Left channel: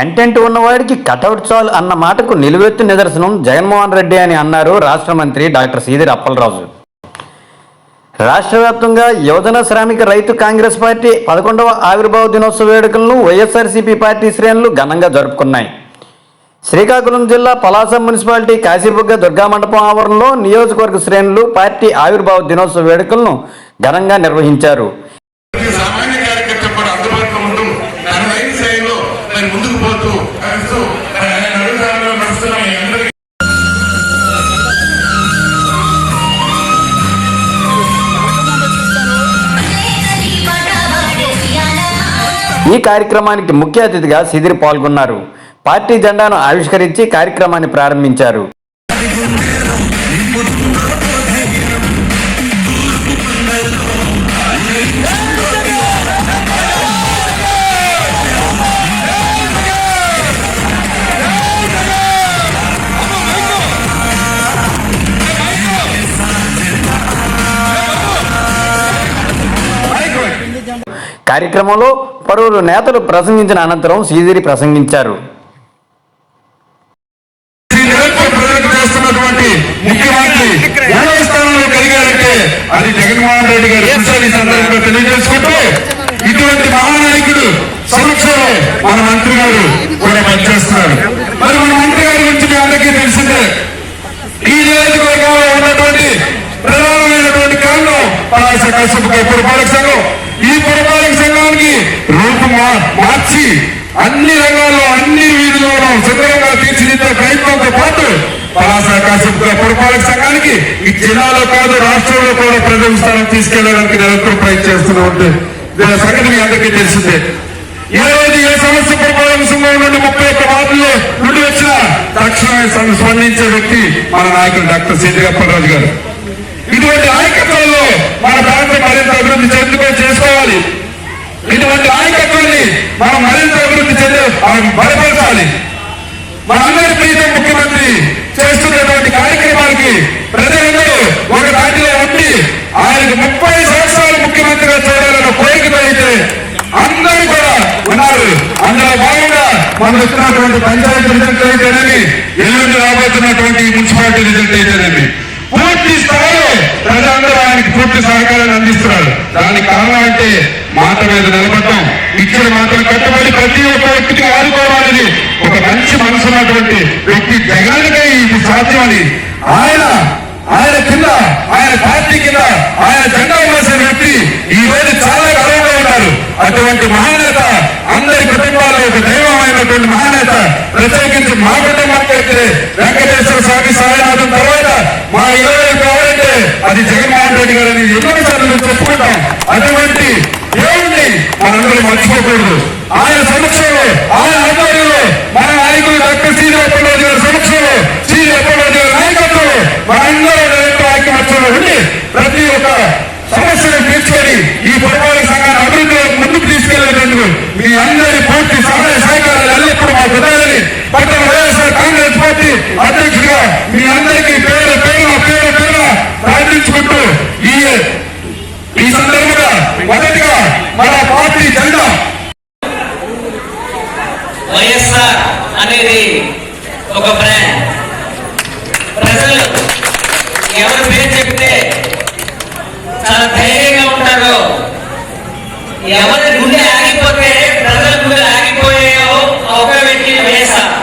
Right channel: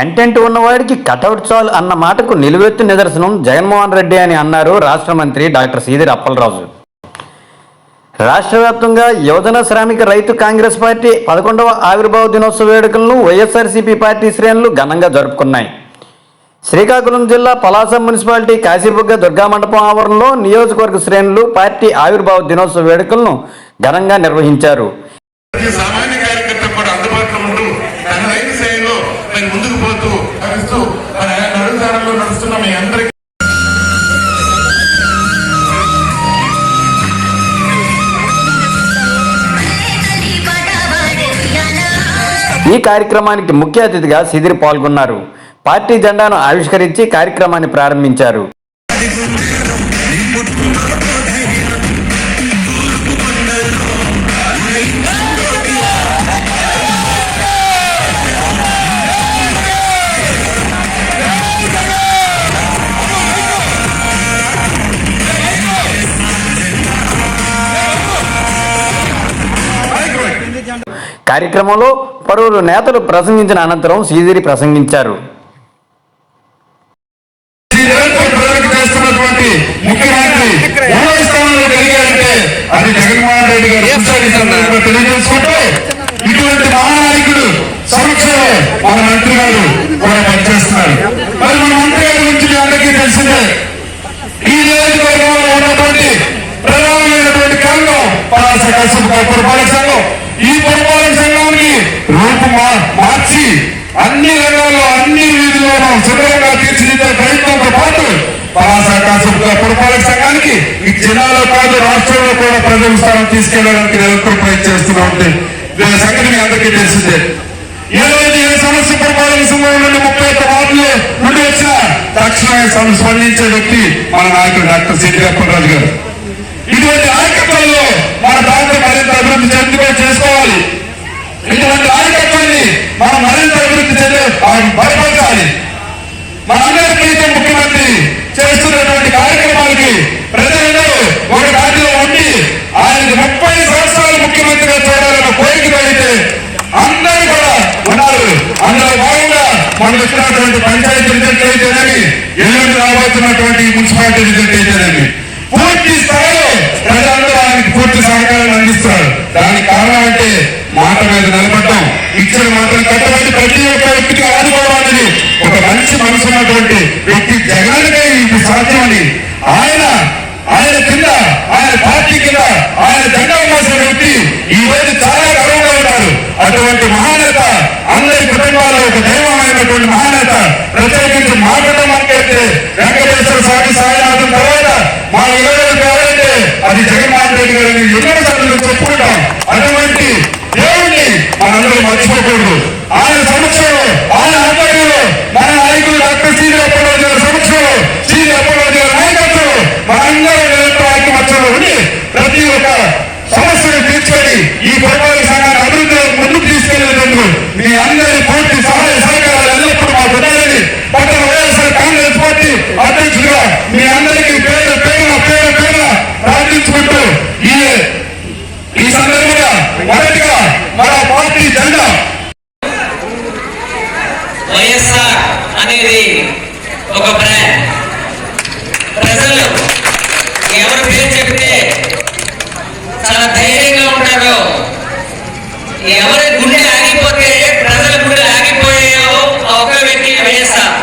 Content ఉన్నవాడికి cutout చాలు అన్న మాటకు నిలువెత్తు నిదర్శనం జగన్మోహన్ రెడ్డి అని అన్నారు రాష్ట్ర మంత్రి డాక్టర్ సీదిరి అప్పలరాజు. రాష్ట్ర వ్యాప్తంగా యువజన శ్రామిక రైతు కాంగ్రెస్ పార్టీ 11వ ఆవిర్భావ దినోత్సవ వేడుకలను వైఎస్ఆర్సీపీ పార్టీ శ్రేణులు ఘనంగా జరుపుకున్నాయి. శ్రీకాకుళం జిల్లా పలాస మున్సిపాలిటీ కాశీబుగ్గ దుర్గామండపం ఆవరణలో నియోజకవర్గ శ్రేణులు పార్టీ ఆవిర్భావ దినోత్సవ వేడుకలను ఘనంగా నిర్వహించారు. ఈ కార్యక్రమానికి ముఖ్య అతిథిగా సీదిరి పాల్గొన్నారు. పార్టీ జెండాను ఆవిష్కరించి కార్యక్రమాన్ని ప్రారంభించారు. కార్యక్రమంలో పలువురు నేతలు ప్రసంగించిన అనంతరం సీదిరి ప్రసంగించారు. ఇటువంటి మహానాయకుడు సంవత్సరం మన మంత్రి గారు కూడా పనిచేస్తున్నారు. మరి మన మంత్రి గారి గురించి మీ అందరికీ తెలిసిందే. ఈ నియోజకవర్గంలో ఉన్నటువంటి ప్రధానమైనటువంటి కన్ను పలాస కాశీబుగ్గ పురపాలక సంఘం. ఈ పురపాలక సంఘానికి రూపు మార్చి అన్ని రంగాల్లో అన్ని వీధుల్లోనూ సుందరంగా తీర్చిదిద్దే ప్రయత్నంతో పాటు పలాస కాశీబుగ్గ పురపాలక సంఘానికి ఈ జిల్లాలో కాదు రాష్ట్రంలో కూడా ప్రజల స్థానం తీసుకెళ్లడానికి నిరంతరం ప్రయత్నిస్తున్నటువంటి సంగతి మీ అందరికీ తెలిసిందే. ఏ రోజు ఏ సమస్య పురపాలక సంఘం నుండి 31 వార్డుల్లో నుండి వచ్చిన తక్షణమే స్పందించే వ్యక్తి మన నాయకుడు డాక్టర్ సీదిరి అప్పలరాజు గారు. ఇటువంటి నాయకత్వంలో మన ప్రాంతం మరింత అభివృద్ధి చేసుకోవాలి. ఇటువంటి నాయకత్వాన్ని మనం మరింత అభివృద్ధి బలపరచాలి. మనందరి ప్రీతం ముఖ్యమంత్రి చేస్తున్నటువంటి కార్యక్రమాలకి ప్రజలందరూ ఒక దాటిలో ఉండి ఆయనకి 30 సంవత్సరాలు ముఖ్యమంత్రిగా చూడాలన్న కోరిక కలిగితే అందరూ కూడా ఉన్నారు. అందులో భాగంగా మనం వచ్చినటువంటి పంచాయతీ రిజల్ట్ అయితేనేమి, ఎల్లుండి రాబోతున్నటువంటి మున్సిపాలిటీ రిజల్ట్ అయితేనేమి పూర్తి స్థాయిలో ప్రజలందరూ ఆయనకి పూర్తి సహకారాన్ని అందిస్తున్నారు. దానికి కారణం అంటే మాట మీద నిలబడ్డం, ఇచ్చిన మాటలు కట్టుబడి ప్రతి ఒక్క వ్యక్తికి ఆదుకోవాలని ఒక మంచి మనసు ఉన్నటువంటి వ్యక్తి జగన్కే ఇది సాధ్యమని ఆయన కింద ఆయన పార్టీ కింద ఆయన జెండా మోసిన వ్యక్తి ఈ రోజు చాలా గర్వంగా ఉన్నారు. అటువంటి మహానేత అందరి కుటుంబాల్లో ఒక దైవమైనటువంటి మహానేత. ప్రత్యేకించి మా కుటుంబానికి అయితే వెంకటేశ్వర స్వామి సాయినాథం తర్వాత మా ఇరవై కావాలంటే అది జగన్మోహన్ రెడ్డి గారిని ఎన్నోసార్లు చెప్పుకుంటాం. అటువంటి దేవుణ్ణి మనందరూ మర్చిపోకూడదు. ఆయన సమక్షంలో ఆయన ఆధ్వర్యంలో మన నాయకుడు డాక్టర్ సీదిరి అప్పలరాజు గారి సమక్షంలో సీదిరి అప్పలరాజు గారి నాయకత్వంలో మనందరూ ఐక్యమత్యంలో ఉండి ప్రతి ఒక్క సమస్యను తీర్చుకొని ఈ పురపాలక సంఘాన్ని అభివృద్ధిలో ముందుకు తీసుకెళ్లేందుకు మీ అందరి పూర్తి సహాయ సహకారాలు ఎల్లప్పుడూ మాకు ఉండాలని పట్టణ వైఎస్ఆర్ కాంగ్రెస్ పార్టీ అధ్యక్షుడిగా మీ అందరికీ పేరు ప్రార్థించుకుంటూ ఈ సందర్భంగా మొదటిగా మన పార్టీ జెండా వైఎస్ఆర్ అనేది ఒక బ్రాండ్. ప్రజలు ఎవరి పేరు చెప్తే చాలా ధైర్యంగా ఉంటారో, ఎవరి గుండె ఆగిపోతే ప్రజల గుండె ఆగిపోయాయో ఒక వ్యక్తి వైఎస్ఆర్.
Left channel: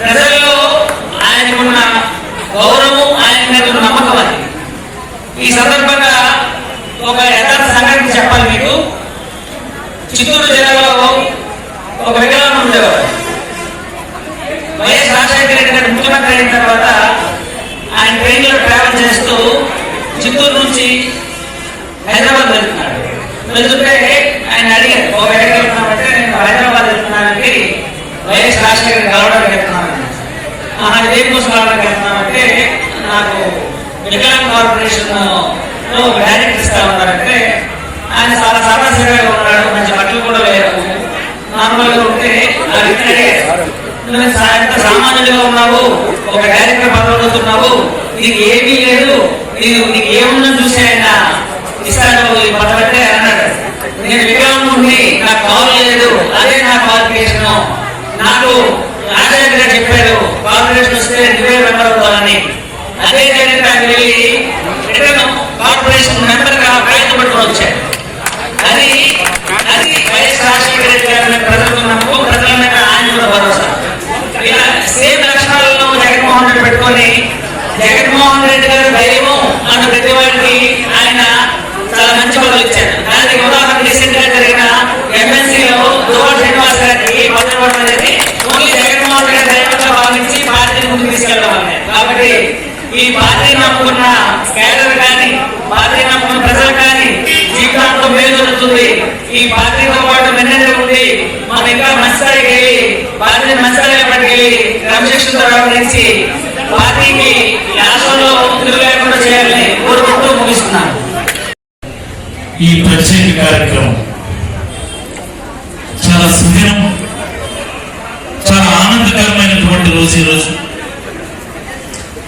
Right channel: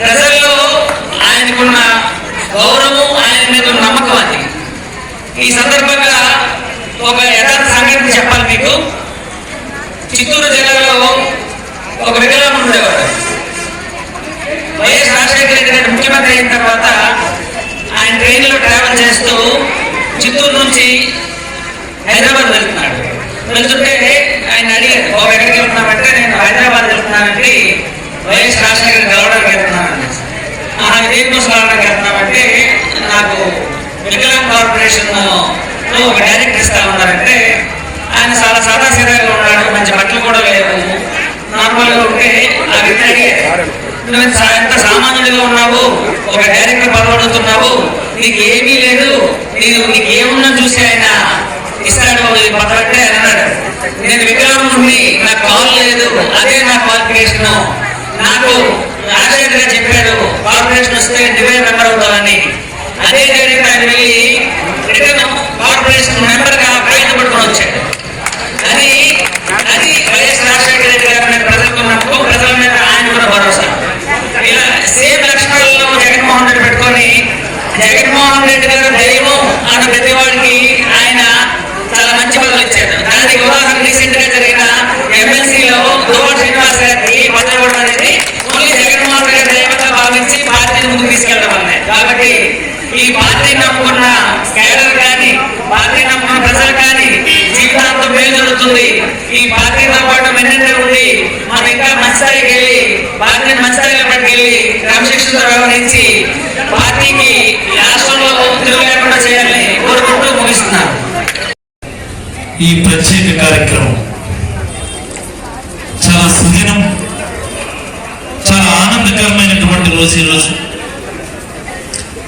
ప్రజల్లో ఆయనకున్న గౌరవం, ఆయన మీద నమ్మకం అది. ఈ సందర్భంగా ఒక యథార్థ సంఘటన చెప్పాలి మీకు. చిత్తూరు జిల్లాలో ఒక వికలాంగుడు ఉండేవాడు. వైఎస్ రాజశేఖర రెడ్డి గారు ముఖ్యమంత్రి అయిన తర్వాత ఆయన ట్రైన్లో ట్రావెల్ చేస్తూ చిత్తూరు నుంచి హైదరాబాద్ వెళ్తున్నాడు. వెళ్తుంటే ఆయన అడిగారు, ఒక ఎక్కడికి వెళ్తున్నామంటే నేను హైదరాబాద్ వెళ్తున్నానంటే వైఎస్ రాజశేఖర కలవడానికి వెళ్తున్నాను. దేనికోసం కలవడానికి వెళ్తున్నామంటే నాకు వికలాంగ్ కార్పొరేషన్ ఒక డైరెక్ట్ ఇస్తా ఉన్నారంటే ఆయన చాలా సాదాసీదాగా ఉన్నాడు, మంచి బట్టలు కూడా లేవు, నార్మల్గా ఉంటే ఆ వ్యక్తి నువ్వు ఎంత సామాన్యుడిగా ఉన్నావు, ఒక డైరెక్టర్ పదవుతున్నావు, నీకు ఏమీ లేదు, నీకు ఏమున్నా చూసి ఆయన ఇస్తాను ఈ పదవంటే అన్నాడు. నేను వికలాంగుడిని, నాకు కాల్ లేదు, అదే నా క్వాలిఫికేషన్, నాకు రాజశేఖర్ గారు చెప్పారు కార్పొరేషన్ వస్తే డివైడ్ మెంబర్ అవుతామని. అదే జరిగిన ఆయన వెళ్ళి రిటర్న్ కార్పొరేషన్ మెంబర్ గా ప్రయత్నం పడుతూ వచ్చాడు. అది అది వైఎస్ రాజశేఖర రెడ్డి గారి మీద ప్రజలకు నమ్మకం, ప్రజల మీద ఆయన కూడా భరోసా. ఇలా సేమ్ లక్షణాలను జగన్మోహన్ రెడ్డి పెట్టుకొని జగన్మోహన్ రెడ్డి గారు దైవం అన్న ప్రతి వాడికి ఆయన చాలా మంచి పదవులు ఇచ్చారు. దానికి ఉదాహరణ రీసెంట్ గా జరిగిన ఎమ్మెల్సీలో దువ్వాడ శ్రీనివాస్ గారికి పదవి ఇవ్వడం అనేది ఓన్లీ జగన్మోహన్ రెడ్డి దైవంగా భావించి పార్టీని ముందుకు తీసుకెళ్లడం అన్నాయి. కాబట్టి ఈ పార్టీ నమ్ముకున్న కేడర్ కానీ పార్టీ నమ్ముకున్న ప్రజలు కానీ జీవితాంతం మేలు జరుగుతుంది. ఈ పార్టీతో పాటు మెన్నెండు ఉంది. మనం ఇంకా మంచి స్థాయికి వెళ్ళి పార్టీ మంచి స్థాయిలో పట్టుకెళ్ళి క్రమశిక్షణతో వ్యవహరించి పార్టీకి రాష్ట్రంలో తిరుగు లేకుండా చేయాలని కోరుకుంటూ ముగిస్తున్నాను. ఈ ప్రత్యేక కార్యక్రమం చాలా సుదినం, చాలా ఆనందకరమైనటువంటి రోజు ఈరోజు,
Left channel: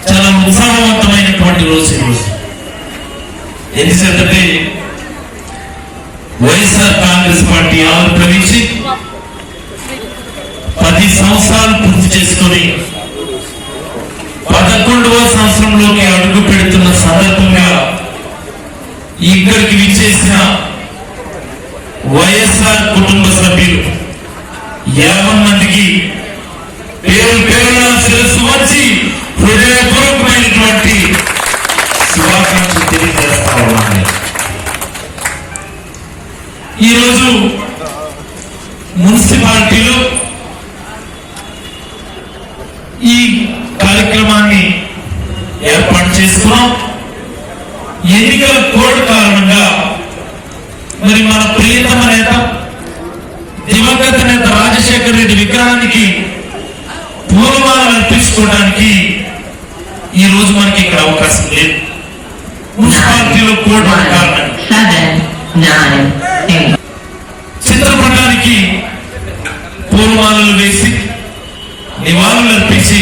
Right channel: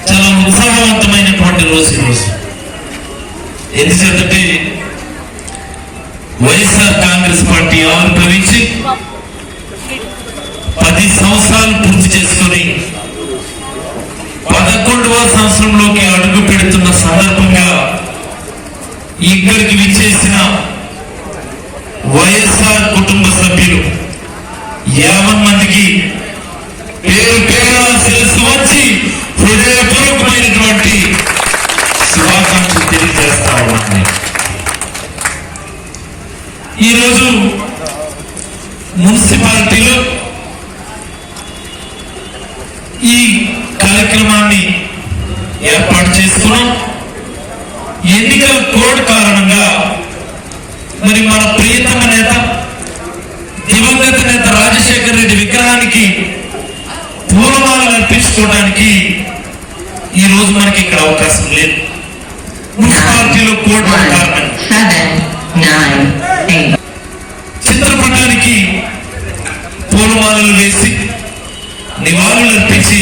చాలా ఉత్సాహవంతమైనటువంటి రోజు ఈరోజు. ఎందుకంటే వైఎస్ఆర్ కాంగ్రెస్ పార్టీ ఆవిర్భవించి 10 సంవత్సరాలు పూర్తి చేసుకొని 11వ సంవత్సరంలోకి అడుగు పెడుతున్న సందర్భంగా ఇక్కడికి విచ్చేసిన వైఎస్ఆర్ కుటుంబ సభ్యులు 50 మందికి పేరు పేరున శిరస్సు వచ్చి హృదయపూర్వకమైనటువంటి శుభాకాంక్షలు తెలియజేస్తా ఉన్నాను. ఈరోజు మున్సిపాలిటీలో ఈ కార్యక్రమాన్ని ఏర్పాటు చేసుకున్నాం. ఎన్నికల కోడ్ కారణంగా మరి మన ప్రియతమ నేత దివంగత నేత రాజశేఖర రెడ్డి విగ్రహానికి పూర్వమాలను అర్పించుకోవడానికి ఈ రోజు మనకి ఇక్కడ అవకాశం లేదు. మున్సిపాలిటీలో కోడ్ కారణంగా చిత్రపటానికి పూర్వమాలను వేసి నివాళులు అర్పించి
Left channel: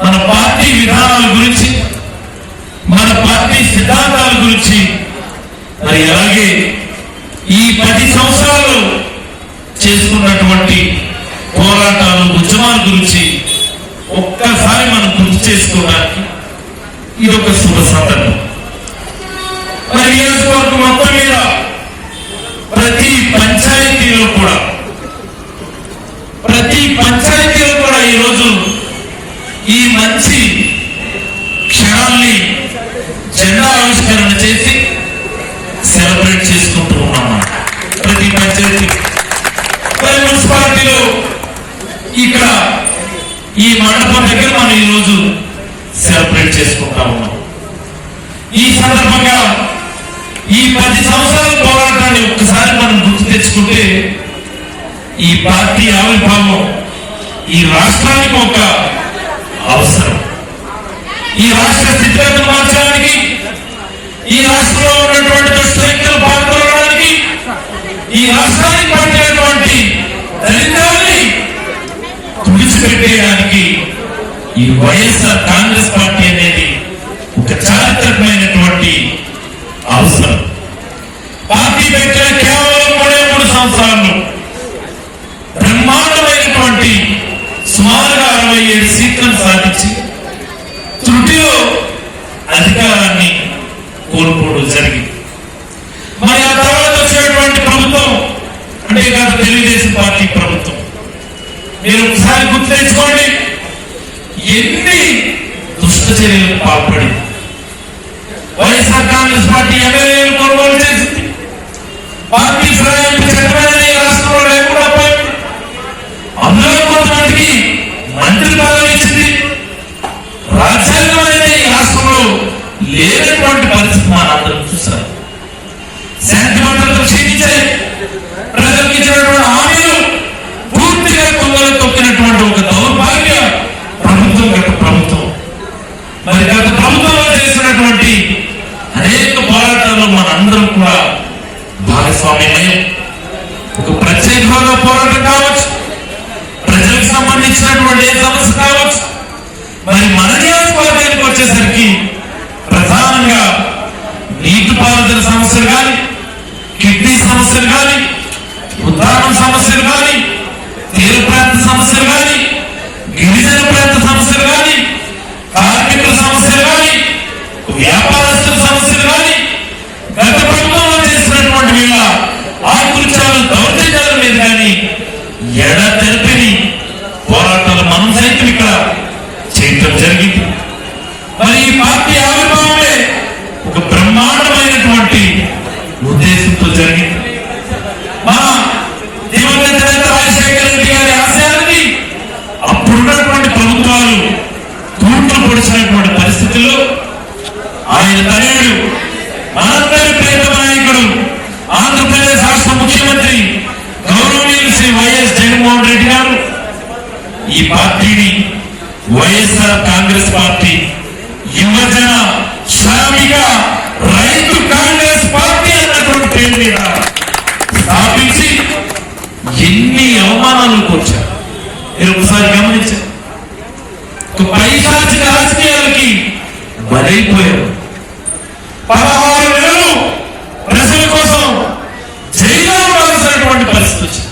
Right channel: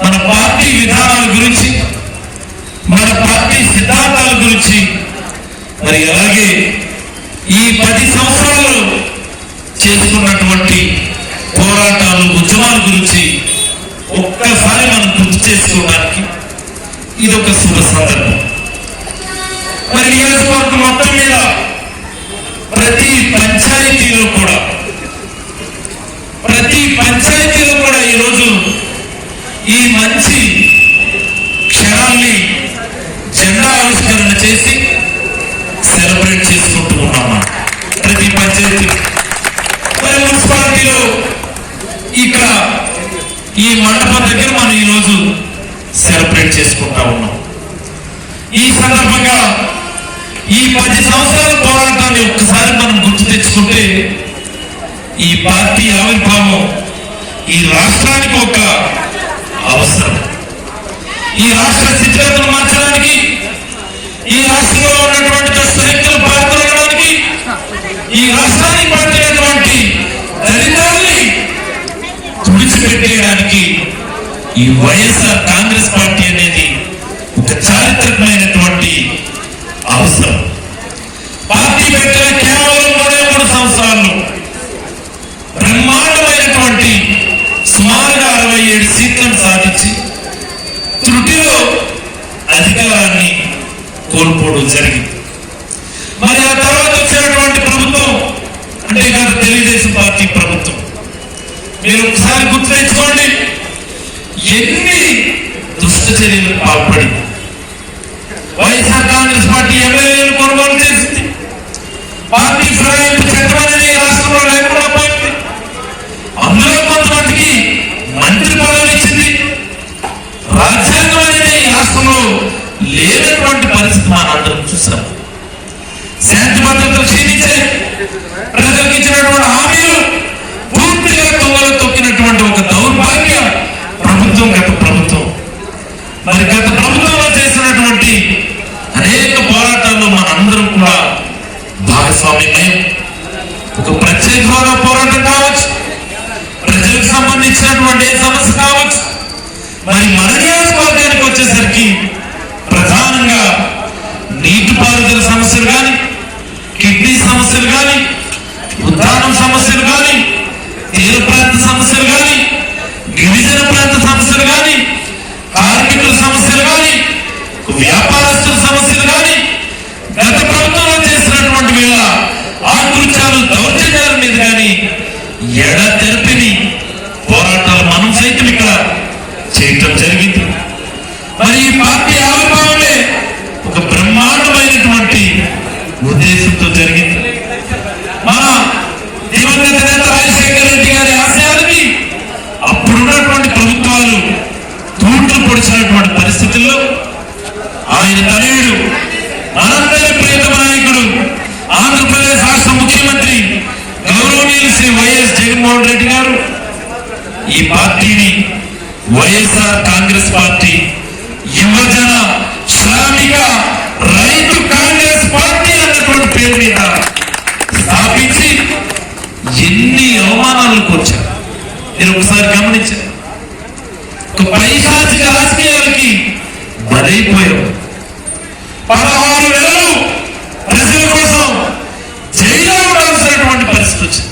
మన పార్టీ విధానాల గురించి, మన పార్టీ సిద్ధాంతాల గురించి, మరి అలాగే ఈ 10 సంవత్సరాలు చేసుకున్నటువంటి పోరాటాలు, ఉద్యమాల గురించి ఒక్కసారి మనం గుర్తు చేసుకోవడానికి ఇది ఒక శుభ సందర్భం. మరి నియోజకవర్గం మొత్తం మీద ప్రతి పంచాయతీలో కూడా ఈరోజు ఈ మంచి క్షణాన్ని జెండా ఆవిష్కరణ చేసి సెలబ్రేట్ చేసుకుంటూ ఉన్నాం. ప్రతి పంచాయతీ మరి మున్సిపాలిటీలో ఇక్కడ ఈ మండపం దగ్గర మనం ఈరోజు సెలబ్రేట్ చేసుకుంటా ఉన్నాం. ఈ సందర్భంగా ఈ 10 సంవత్సరాల పోరాటాన్ని ఒక్కసారి మనం గుర్తు తెచ్చుకుంటే ఈ పార్టీ ఆవిర్భావం ఈ రాష్ట్రానికి ఒక అవసరం. ఈ రాష్ట్ర స్థితిగతులు మార్చడానికి, ఈ రాష్ట్రంలో ఉన్నటువంటి కష్టం పాల్గొనడానికి, ఈ రాష్ట్రానికి పట్టినటువంటి దరిద్రాన్ని తుడిచిపెట్టేయడానికి ఈ వైఎస్ఆర్ కాంగ్రెస్ పార్టీ అనేది ఒక చారిత్రకమైనటువంటి అవసరం. పార్టీ పెట్టిన కేవలం 3 సంవత్సరాల్లో బ్రహ్మాండమైనటువంటి సుమారుగా 67 సీట్లను సాధించి త్రుటిలో అధికారాన్ని కోల్పోవడం జరిగింది. మరి ఆ తర్వాత వచ్చినటువంటి ప్రభుత్వం అంటే తెలుగుదేశం పార్టీ ప్రభుత్వం, మీరు ఒకసారి గుర్తు తెచ్చుకోండి ఎన్ని దుష్ట చర్యలకు పాల్పడింది. వైఎస్ఆర్ కాంగ్రెస్ పార్టీ ఎమ్మెల్యేలు కొనుగోలు చేసింది, పార్టీ ఫిరాయింపు చక్రాన్ని రాష్ట్రంలో లేకుండా పోయింది, అందులో కొంతమందికి మంత్రి పదవి ఇచ్చింది. రాజ్యాంగం అనేది ఈ రాష్ట్రంలో లేనటువంటి పరిస్థితి అందరం చూస్తారు. శాంతి భద్రతలు క్షీణించాయి. ప్రజలకు ఇచ్చినటువంటి హామీలు పూర్తిగా తొందరగా తొక్కినటువంటి ఒక దౌర్భాగ్య ప్రభుత్వం గత ప్రభుత్వం. మరి గత ప్రభుత్వంలో చేసినటువంటి అనేక పోరాటాల్లో మనందరం కూడా భాగస్వామ్యమే. ఒక ప్రత్యేక హోదా పోరాటం కావచ్చు, ప్రజలకు సంబంధించినటువంటి సమస్య కావచ్చు. మరి మన నియోజకవర్గానికి వచ్చేసరికి ప్రధానంగా నీటిపారుదల సమస్యలు కానీ, కిడ్నీ సమస్యలు కానీ, ఉద్దానం సమస్యలు కానీ, తీర ప్రాంత గిరిజన ప్రాంత సమస్యలు కానీ, కార్మికుల సమస్యలు కానీ, వ్యాపారస్తుల సమస్యలు కానీ, గత ప్రభుత్వంలో చేసినటువంటి వీళ్ళ ఆకృత్యాలు, దౌర్జన్యాల మీద కానీ ఎడతెరిపిని పోరాటాలు మనం సైతం ఇక్కడ చేయటం జరిగింది. మరి ఈ పార్టీ ఆవిర్భావమే ఒక బ్రహ్మాండమైనటువంటి ఉద్దేశంతో జరిగింది. మన దివంగత నేత రాజశేఖర రెడ్డి గారి ఆశయాలని అప్పుడున్నటువంటి ప్రభుత్వాలు తూట్లు పొడిచినటువంటి పరిస్థితుల్లో ఆయన తనయుడు మనందరి ప్రేమ నాయకుడు, ఆంధ్రప్రదేశ్ రాష్ట్ర ముఖ్యమంత్రి గౌరవనీయులు శ్రీ వైఎస్ జగన్మోహన్ రెడ్డి గారు ఈ పార్టీని వైఎస్ఆర్ కాంగ్రెస్ పార్టీ యువజన శ్రామిక రైతు కాంగ్రెస్ పార్టీ అన్నటువంటి పేరు మీద స్థాపించి ఎన్ని అవమానాలకు వచ్చారు మీరు ఒకసారి గమనించారు. ఒక పైశాచిక రాజకీయాలకి బలైపోయారు. 16 నెలలు ప్రజల కోసం జైల్లో ఉండాల్సినటువంటి పరిస్థితి వచ్చింది.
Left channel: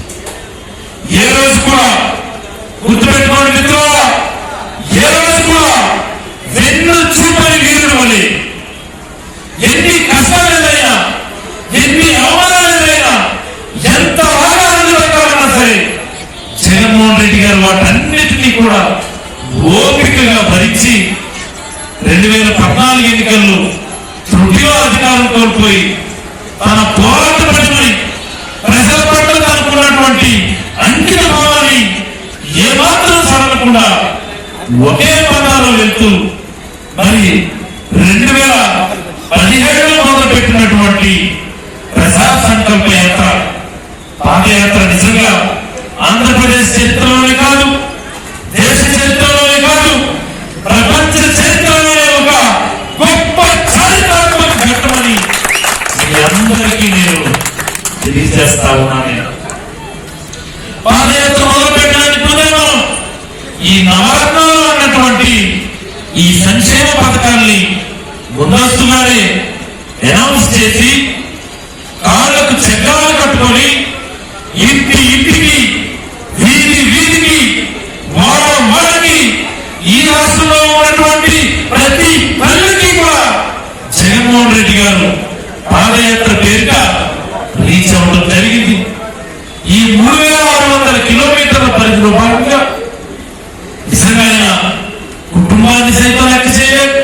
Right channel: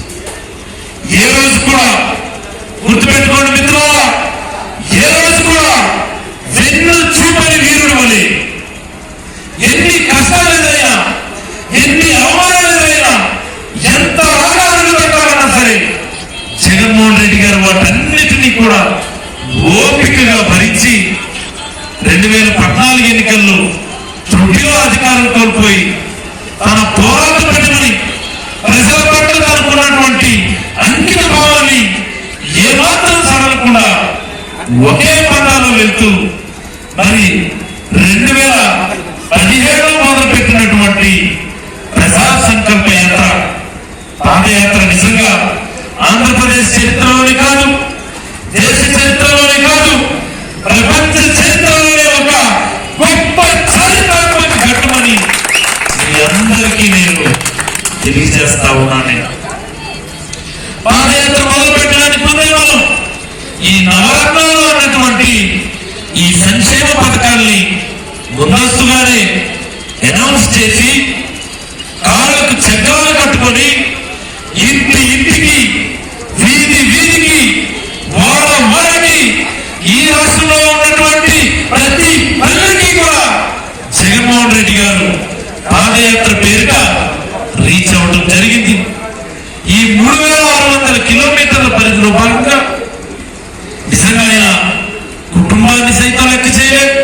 ఏ రోజు కూడా గుర్తుపెట్టుకోండి మిత్రులారా, ఏ రోజు కూడా వెన్ను చూపని వీరుడు వలె ఎన్ని కష్టాలు ఎదురైనా, ఎన్ని అవమానాలు ఎదురైనా, ఎంత ఆగాలు పెట్టాలన్నా సరే జగన్మోహన్ రెడ్డి గారు వాటన్నిటినీ కూడా ఓపికగా భరించి 2014 ఎన్నికల్లో త్రుటిలో అధికారం కోల్పోయి తన పోరాట ప్రజలని ప్రజల పట్ల అనుకున్నటువంటి అంకిత భావాన్ని ఏమాత్రం సవరకుండా ఒకే పదాలు వెళ్తూ మరి 2017లో మొదలుపెట్టినటువంటి ప్రజా సంకల్ప యాత్ర, పాదయాత్ర నిజంగా ఆంధ్రప్రదేశ్ చరిత్రలోనే కాదు, దేశ చరిత్రలోనే కాదు, ప్రపంచ చరిత్రలోనే ఒక గొప్ప చారిత్రాత్మక ఘట్టమని మీ అందరికీ నేను తెలియజేస్తా ఉన్నాను. పాదయాత్ర మొదలుపెట్టడానికి ముందు ఈ నవరత్నాలు అన్నటువంటి ఈ సంక్షేమ పథకాన్ని ముందస్తుగానే అనౌన్స్ చేసి కాళ్ళకు చక్రాలు కట్టుకొని ఇంటి ఇంటికి, వీధి వీధికి, వాడకి, ఈ రాష్ట్రంలో ఉన్నటువంటి ప్రతి పల్లెకి కూడా జగన్మోహన్ రెడ్డి గారు పాదయాత్ర పేరుగా రీచ్ అవ్వడం జరిగింది. ఈ 3600 కిలోమీటర్ల పరిధిలో భాగంగా నిజంగా ఆయన కుటుంబాన్ని సైతం లెక్క చేయలేదు,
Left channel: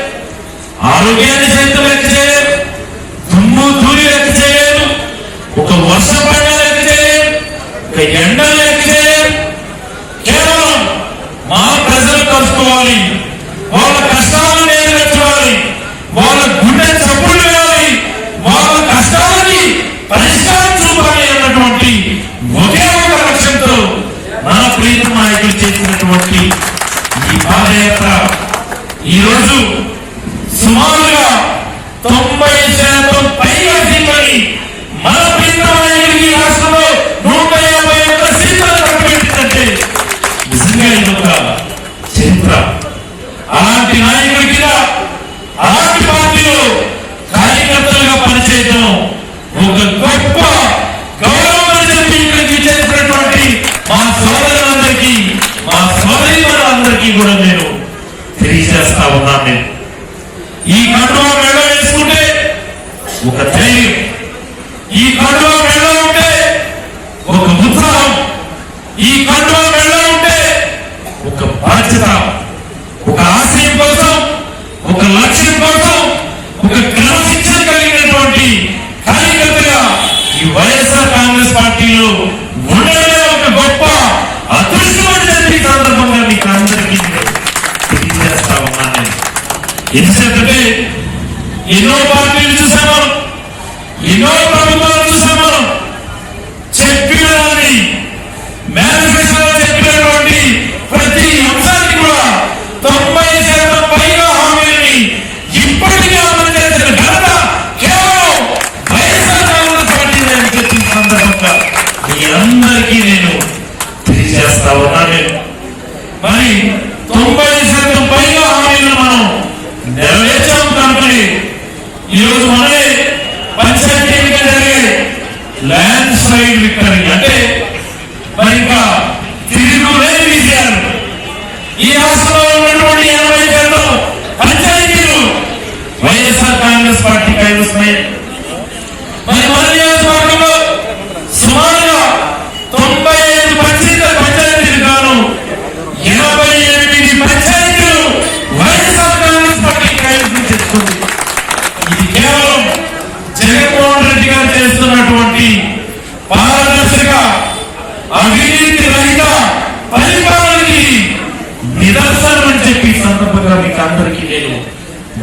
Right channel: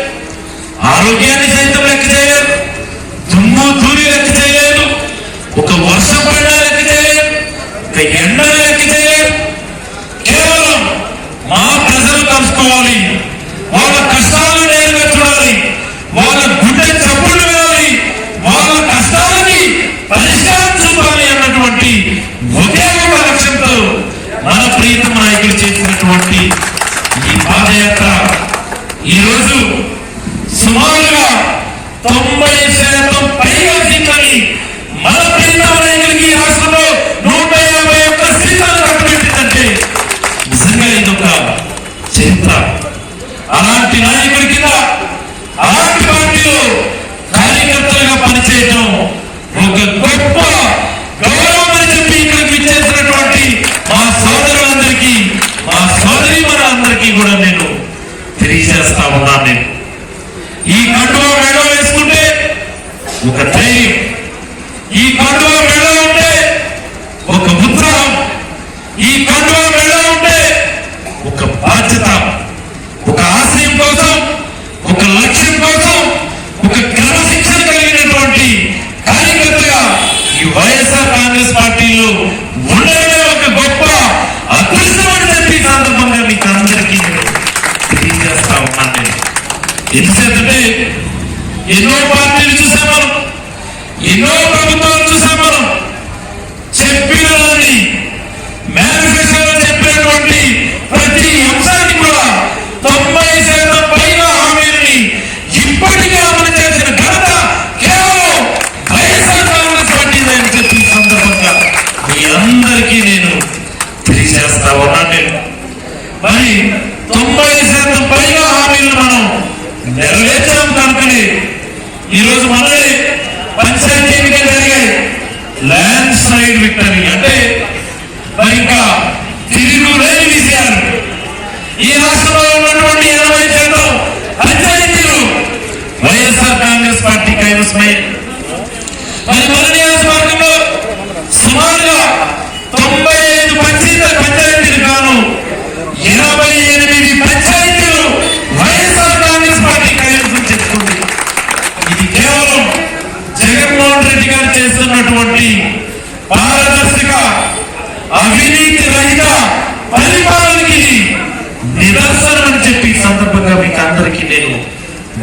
ఆరోగ్యాన్ని సైతం లెక్క చేయలేదు, దుమ్ము ధూళి లెక్క చేయలేదు, ఒక వర్షం పడిన లెక్క చేయలేదు, ఒక ఎండ లెక్క చేయలేదు. కేవలం మా ప్రజలు కలుసుకోవాలి, వాళ్ళ కష్టాలు నెరవేర్చాలి, వాళ్ళ గుండె చప్పులు వేయాలి, వాళ్ళ కష్టాలని పరిష్కారం చూపాలి అన్నటువంటి ఒకే ఒక లక్ష్యంతో మన ప్రియతమ నాయకులు చేసినటువంటి ఈ పాదయాత్ర ఈరోజు సుమారుగా 90% పైగా సీట్లని మన ప్రియతమ నాయకులకి రాష్ట్రంలో 151 సీట్లను కట్టబెట్టిందంటే నిజంగా ఇదొక చరిత్ర. అలాంటి నాయకుడిగా, అలాంటి పార్టీలో కార్యకర్తలుగా పనిచేయడం ఒక గొప్ప గౌరవం అని చెప్పి ఇక్కడికి చేసినటువంటి మా సోదరులందరికీ, మా సోదరీమణులందరికీ కూడా నేను తెలియజేస్తా ఉన్నాను. ఈ కండువా మెడలో వేసుకుంటే ఒక ధైర్యం, ఈ కండువా మెడలో ఉంటే ఒక ఉత్సాహం, ఈ కండువా మెడలో ఉంటే ఒక బాధ్యత, ఒక ఆశయం కోసం, ఒక లక్ష్యం కోసం, ఒక క్రమశిక్షణ కలిగినటువంటి కార్యకర్తగా ఈ వైఎస్ఆర్ కాంగ్రెస్ పార్టీలో ఉండడమే ఒక గొప్ప అదృష్టమైన సందర్భంగా మీకు అందరికీ తెలియజేస్తా ఉన్నాను. నేను ఎందుకంటే ఎన్నో పార్టీలు చూసాము, ఎన్నో ప్రభుత్వాలు చూసాము, చెప్పినదాన్ని మేనిఫెస్టోలో చెప్పినటువంటి ప్రతి అంశానికి కూడా 90% పైగా హామీలని ఇప్పటికీ అమలు చేసిన ఘనత కేవలం వైఎస్ఆర్ కాంగ్రెస్ పార్టీ అని చెప్పిన సందర్భంగా మీ అందరికీ నేను తెలియజేస్తా ఉన్నాను. మరి 90% పైగా హామీలను మనం నెరవేర్చాం కనుకని ఈరోజు మనమే పంచాయతీ ఎన్నికలు జరిగాయి. ల్యాండ్ స్లైడ్ విక్టరీ అంటే మరి ఇంకా తిరుగులేని విజయాలు. ఈ వస్తున్నాయి. మరి మన నియోజకవర్గంలో సుమారుగా 95 పంచాయతీలు గాను 88 పంచాయతీలు వైఎస్ఆర్ కాంగ్రెస్ పార్టీ కైవసం చేస్తుంది. ఇది కేవలం జగన్మోహన్ రెడ్డి గారు చేస్తున్నటువంటి పారదర్శక అవినీతి రహిత పరిపాలనకి నిదర్శనం అని చెప్పి సందర్భంగా మీకు అందరికీ నేను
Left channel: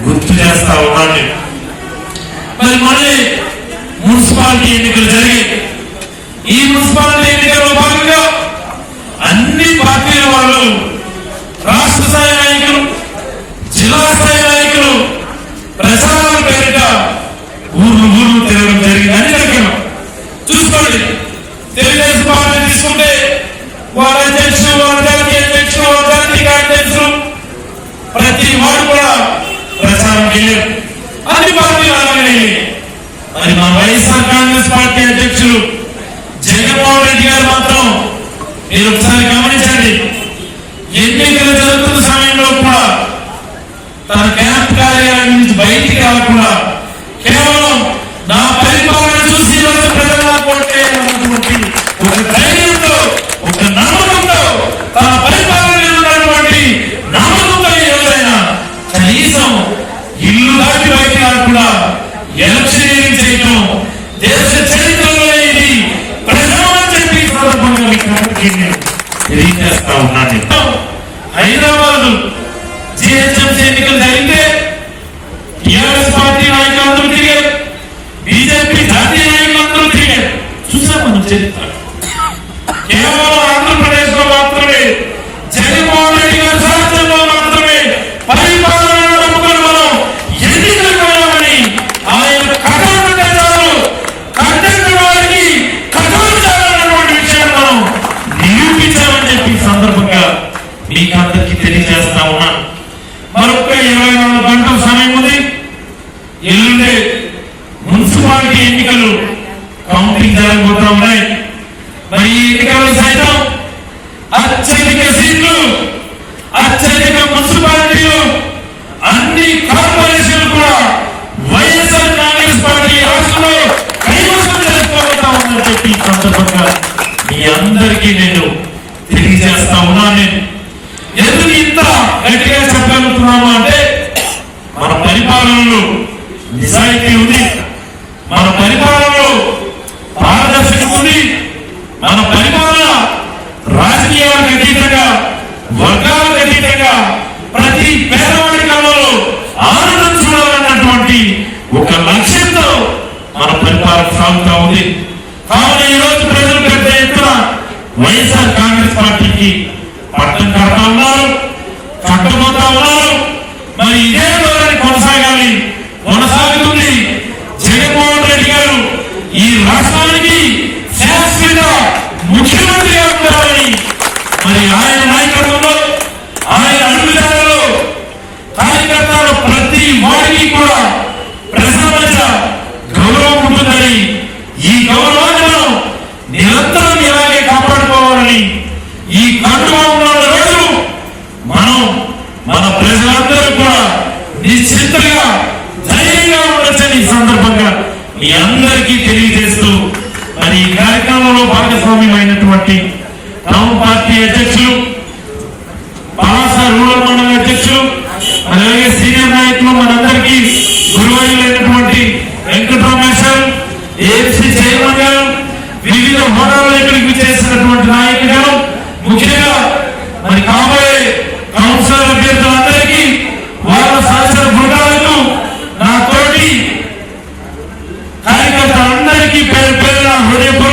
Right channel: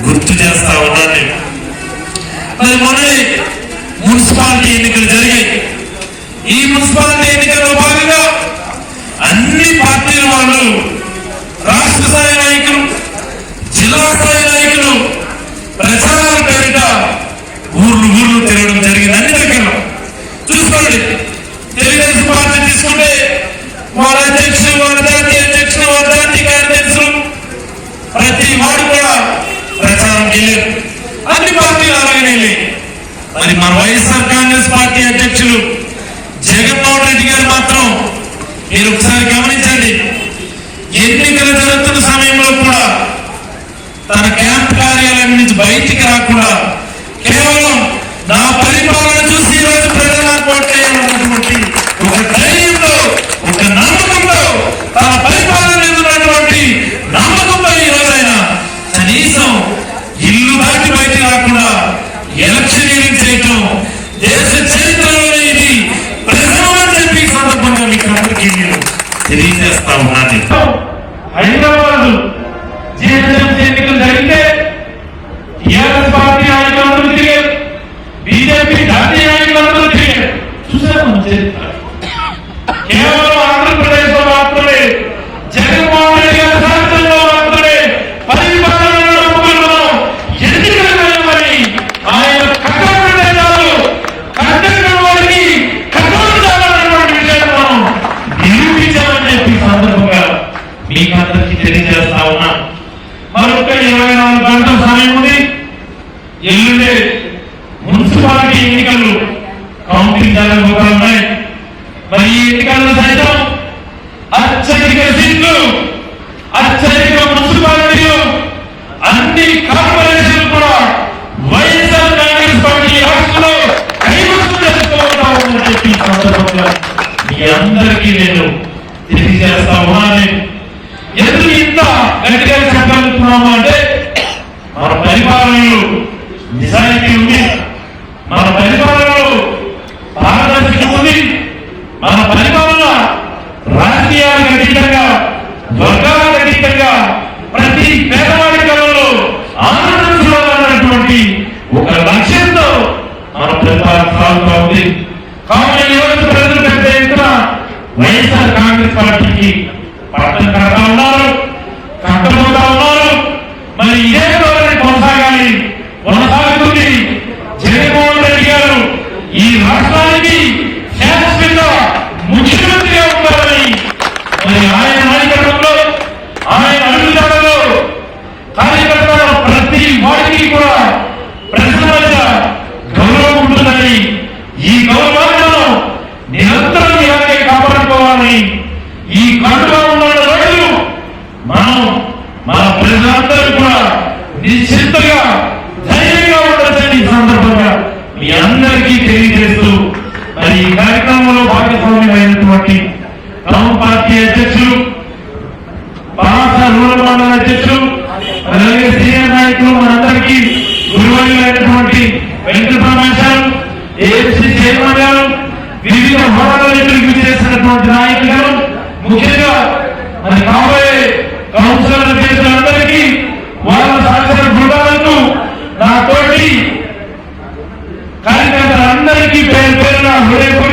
గుర్తు చేస్తా ఉన్నాను. మరి మొన్నే మున్సిపాలిటీ ఎన్నికలు జరిగాయి. ఈ మున్సిపాలిటీ ఎన్నికల్లో భాగంగా అన్ని పార్టీల వాళ్ళు, రాష్ట్ర స్థాయి నాయకులు, జిల్లా స్థాయి నాయకులు ప్రచారాల పేరిట ఊర్లు తిరగడం జరిగింది. అన్ని దగ్గర చూసుకోండి. తెలుగుదేశం పార్టీ తీసుకుంటే వారి అధ్యక్షులు, వారి జాతీయ అధ్యక్షులు, వారి జాతీయ కార్యదర్శులు ప్రతి వాడు కూడా ప్రచారం చేయలేదు. అన్ని పార్టీలు అలాగే. మరి మా వైఎస్ఆర్ కాంగ్రెస్ పార్టీ అధ్యక్షులు జగన్మోహన్ రెడ్డి గారు మాత్రం మీరు ఒకసారి గమనించండి, ఎన్నికలు జరుగుతున్న సమయంలో కూడా తన క్యాంప్ కార్యాలయం నుంచి బయటికి రాకుండా కేవలం నా పరిపాలన చూసి ఈరోజు ప్రజలు కోటేటువంటి ఒక ధైర్యంతో, ఒక నమ్మకంతో, తన పరిపాలన మీద ఉన్నటువంటి నమ్మకంతో ఈ రోజైనా కనీసం ఇల్లు దాటి బయటికి రాకుండా ఎలక్షన్ చేయడం దేశ చరిత్రలో ఇది ప్రధానమని చెప్పి సందర్భంగా తెలియజేస్తా ఉన్నాను. హైదరాబాద్ జిహెచ్ఎంసీ ఎన్నికలు జరిగితే టీఆర్ఎస్ పార్టీ నాయకులందరూ తిరిగారు, బీజేపీ జాతీయ నాయకులందరూ తిరిగారు. చూసారు మనం చరిత్ర. కేవలం ఆంధ్రప్రదేశ్ లో మాత్రమే జగన్మోహన్ రెడ్డి గారి సారథ్యంలో మాత్రమే పరిపాలన ఎన్నికలు ఆయన కథాలు కట్టెక్కిన వారికి కథాలనేటువంటి విషయాన్ని మనం నిరూపించాలని చెప్పి సందర్భంగా మీకు అందరికీ తెలియజేస్తా ఉన్నా. మరొక 24 గంటల సమయం ఉంది. ఎల్లుండే మున్సిపాలిటీ ఎన్నికలు కౌంటింగ్ జరగబోతా ఉన్నాయి. మరి ఈ ఎన్నికల్లో సైతం అత్యధిక సీట్లు, అత్యధిక మున్సిపాలిటీలు, అన్ని కార్పొరేషన్లు కూడా వైఎస్ఆర్ కాంగ్రెస్ పార్టీ రాష్ట్రంలో కైవసం చేసుకోబోతా ఉందని చెప్పి సందర్భంగా మీ అందరికీ నేను తెలియజేస్తా ఉన్నాను. ఎందుకు ఇంత గట్టిగా చెప్పగలుగుతున్నాము అంటే మన పరిపాలనలో నిజాయితీ ఉంది, మన పరిపాలనలో పారదర్శకత ఉంది, మన పరిపాలన రాజకీయాలకు అతీతంగా, వర్గాలకు అతీతంగా ప్రతి పేదవాడి కళలో ఆనందం చూడాలన్నటువంటి ఒక లక్ష్యంతో మన పరిపాలన సాగుతా ఉంది. కాబట్టి ఈ రోజు ప్రజలు పెద్ద ఎత్తున వైఎస్ఆర్ కాంగ్రెస్ పార్టీకి పట్టం కడతా ఉన్నారు, కట్టబోతా ఉన్నారు. మరి ఇదే ధోరణి కొనసాగుతుంది. జగన్మోహన్ రెడ్డి గారు ఈ రాష్ట్రానికి శాశ్వత ముఖ్యమంత్రిగా ఉంటారని, మరి ఆయన నాయకత్వంలో, ఆయన అభివృద్ధిలో కార్యకర్తల ప్రతి వాడికి కూడా ప్రజల మధ్య గౌరవం ఉంటుందని, ఈ గౌరవాన్ని మనం నిరంతరం ఇలాగే కాపాడుకోవాలని, ఈ కడుగా ఉన్న రోజు మనం మన ప్రజలందరూ కూడా నిశ్చింతగా ధైర్యంగా ఉండొచ్చని ఈ సందర్భంగా మీ అందరికీ తెలియజేస్తూ, మరి ఈ కార్యక్రమంలో భాగస్వామ్యమైనటువంటి టౌన్ పార్టీ అధ్యక్షులు, రూరల్ అధ్యక్షులు, అలాగే సీనియర్ నాయకులు, మనందరికీ గురువైనటువంటి వెంకటరామేశ్వరం, ఏఎస్సీ చైర్మన్ గారు, వివిధ హోదాలకు చేసినటువంటి నాయకులు, ముఖ్యంగా మరి కాబోయే కౌన్సిలర్ అభ్యర్థులందరికీ, వాళ్ళ సహచర బృందాలకు, నా తోటి కార్యకర్తలందరికీ పేరు పేరున హృదయపూర్వక